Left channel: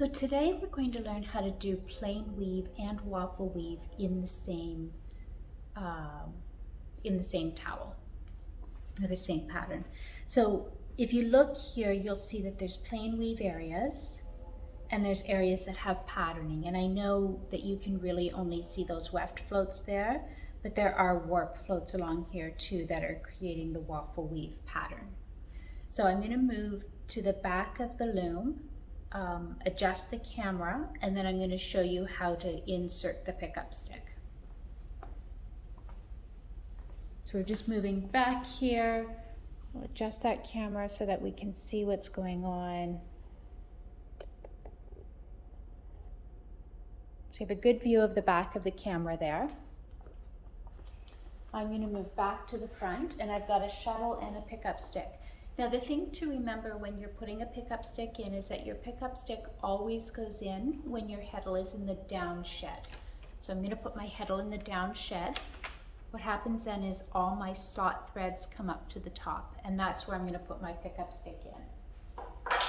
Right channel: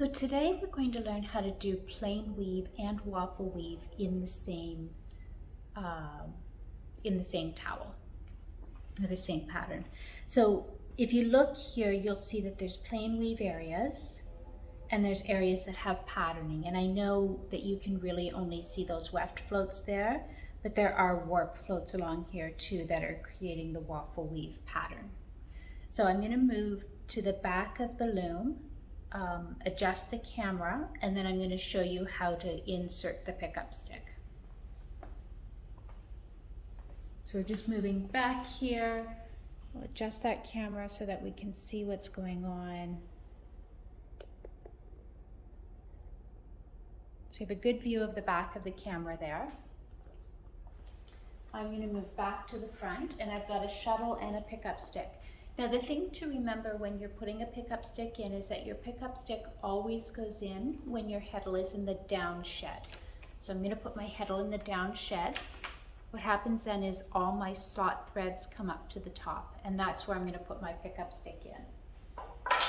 So today we're going to learn how to do plain weave and waffle weave in the same towel, or the same pattern. So if you look here, you'll see that there's plain weave areas and there's areas that have patterning. And I know that you can really only see those weft floats there, but there are warp floats along here too that are creating the waffle weave pattern. So I'm going to move to the back of the loom, adjust the camera, and then I'm going to show you how to insert the pickup stick. So we're just moving back here. We'll adjust that camera so that we can see what's going on. So you have a good view of the back of the camera there. I'm going to move back to the front, and I've got a shuttle and a pickup stick. Now the thing to remember when you're putting a pickup stick in is that your pickup stick always goes in when your heddle is in the down shed. So I'm going to put my heddle in the down shed. What happens then is all my slot threads come up to the top, and that's where I'm going to put my pickup stick in.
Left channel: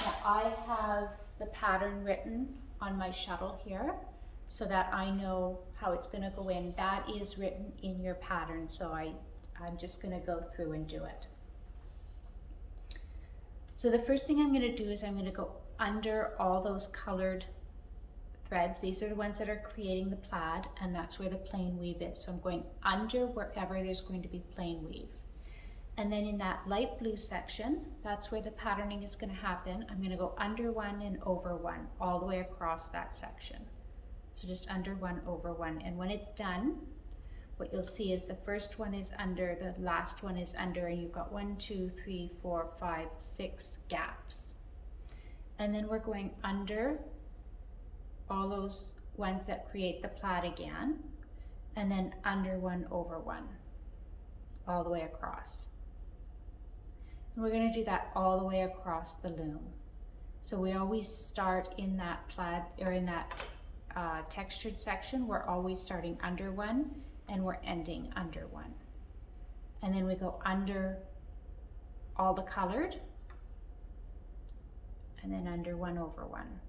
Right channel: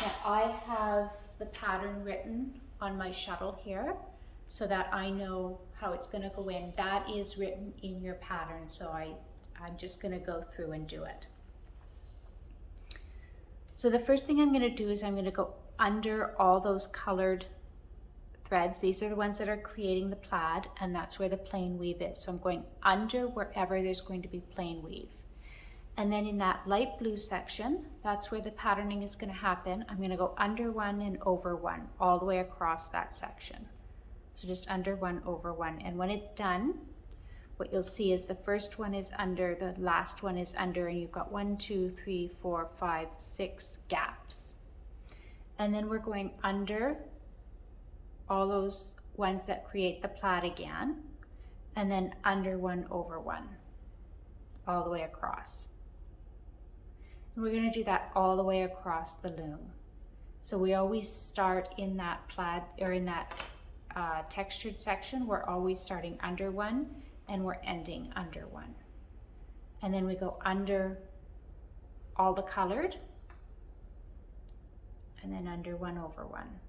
Now I have the pattern written on my shuttle here so that I know how it's going to go in. That is written in your pattern, so I'm just going to go through and do it. So the first thing I'm going to do is I'm going to go under all those colored threads. These are the ones that are creating the plaid, and that's where the plain weave is. So I'm going under wherever there's going to be plain weave. And then in that light blue section, that's where the patterning is going to happen. I'm going to go under one and over one all the way across that section. So just under one, over one. And when it's done, what you'll see is the first one is under, the last one is under, and you've got 1, 2, 3, 4, 5, 6 gaps. And then we're going under all those ones that create the plaid again, and then under one, over one, all the way across. And we're going to do that all the way across the loom. So we always start in that plaid, or in that textured section, we're always starting under one, and we're ending under one. And then we go under all the colored, and then under one, over one.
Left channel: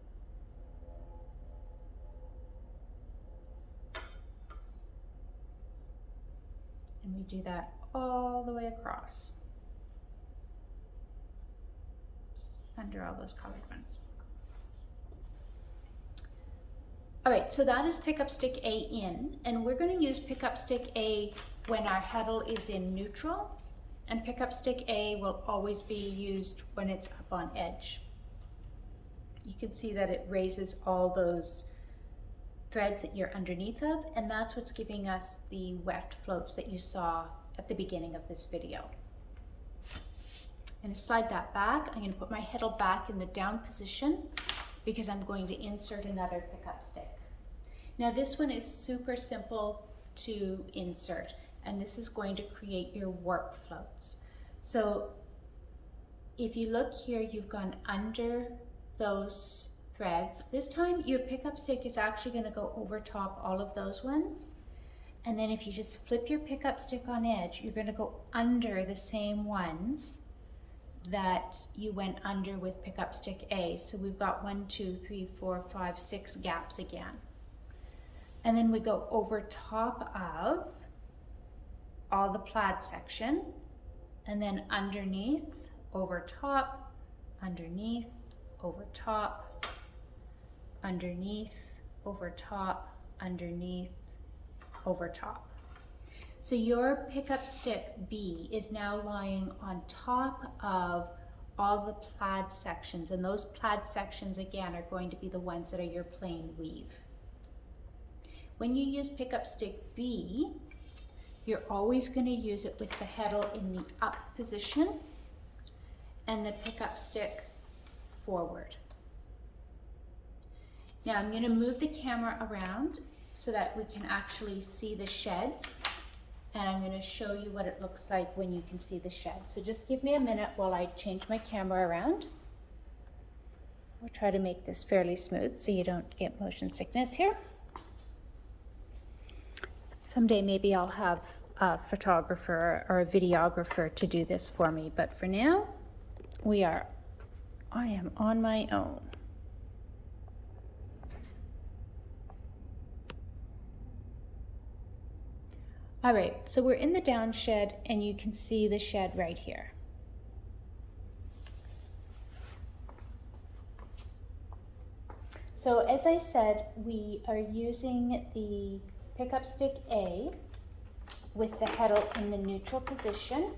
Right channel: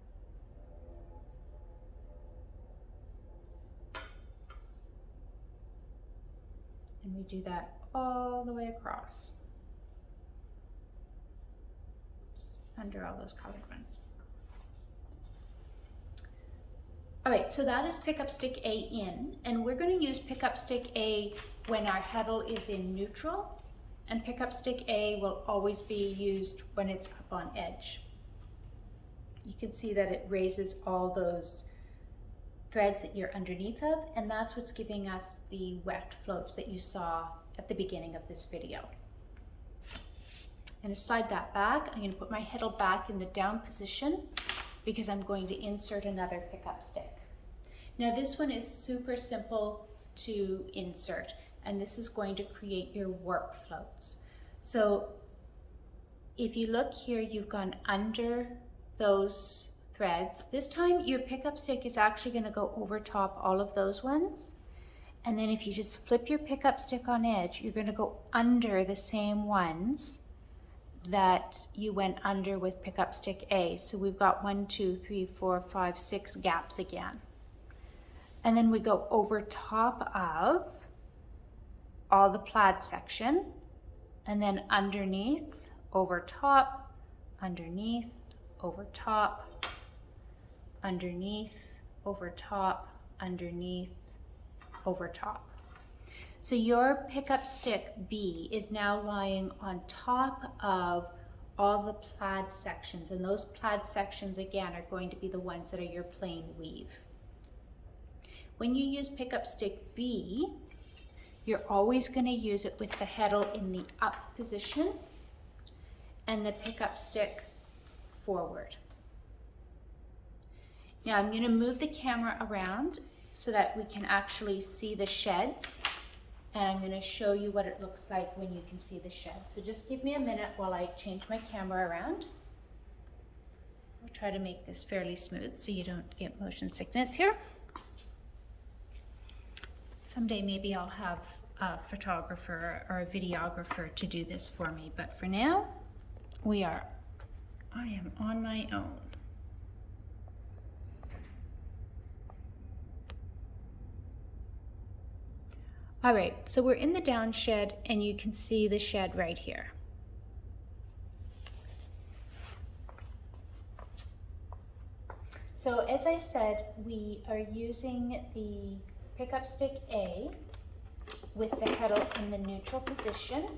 And we do that all the way across. Oops, under all those colored ones. All right, so that is pickup stick A in, and we're going to use pickup stick A when our heddle is in neutral, and pickup stick A will always be used when it's up on edge. You can see that it raises all those threads that you're underneath of, and that's what's giving us the weft floats that you saw at the beginning of this video. I'm going to slide that back. I'm going to put my heddle back in the down position because I'm going to insert another pickup stick. Now this one is super simple to insert, and this is going to create your warp floats. So if you look here, you've gone under those threads. This time your pickup stick is actually going to go over top all of those ones, and then if you just flip your pickup stick on edge, you're going to go under the same ones that you went under with pickup stick A. So we've got 1, 2, 3, 4, 5, 6 gaps again. And then we go over top of all the plaid section, and then underneath, over top, underneath, over top, underneath, over top, underneath, over top. So your pickup stick B is now lying on top of all the plaid sections, and those plaid sections again are going to be the ones that are your plain weave. When you use pickup stick B, you're always going to use it with the heddle in the up position and the pickup stick forward. Now I'm going to move the camera around so that we can actually see the sheds. And I'm going to show you what it looks like when you can see the shed. So just give me a minute while I change my camera around. I'll try to make this fairly smooth so you don't get motion sickness here. Someday maybe I'll have a photographer or a videographer to do this for me, but for now, I am on my own. All right, so we're in the down shed and you can see the shed right here. So as I said, we are using the pickup stick A with the heddle in the neutral position,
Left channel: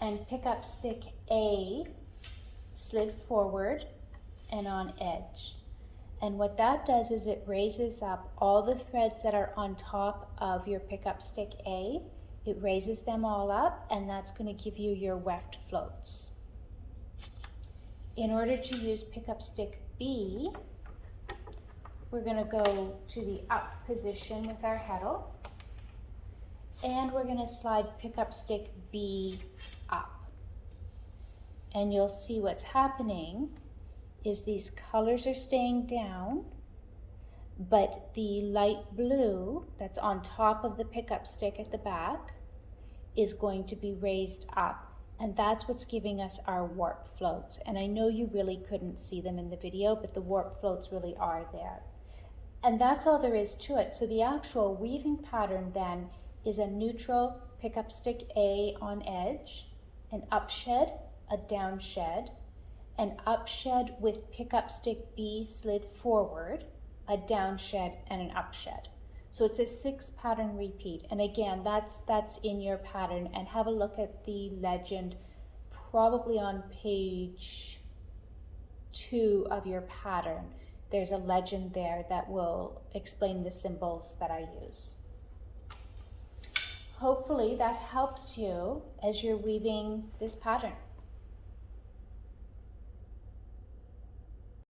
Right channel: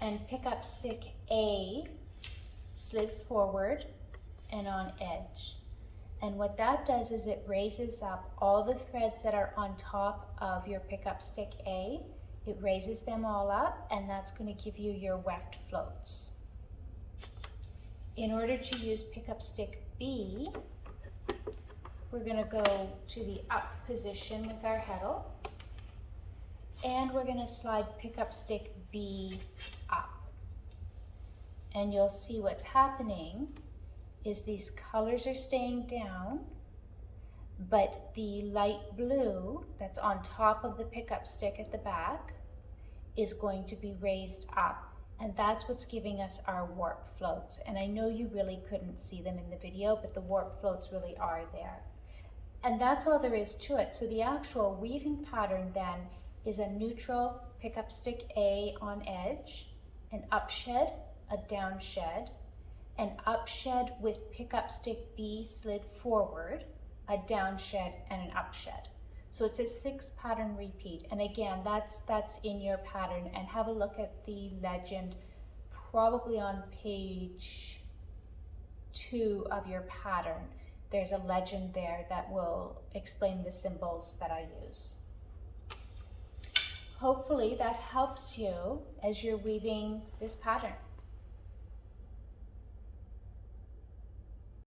and pickup stick A slid forward and on edge. And what that does is it raises up all the threads that are on top of your pickup stick A. It raises them all up, and that's going to give you your weft floats. In order to use pickup stick B, we're going to go to the up position with our heddle, and we're going to slide pickup stick B up. And you'll see what's happening is these colors are staying down, but the light blue that's on top of the pickup stick at the back is going to be raised up. And that's what's giving us our warp floats. And I know you really couldn't see them in the video, but the warp floats really are there. And that's all there is to it. So the actual weaving pattern then is a neutral pickup stick A on edge, an up shed, a down shed, an up shed with pickup stick B slid forward, a down shed, and an up shed. So it's a 6 pattern repeat. And again, that's in your pattern. And have a look at the legend, probably on page 2 of your pattern. There's a legend there that will explain the symbols that I use. Hopefully that helps you as you're weaving this pattern.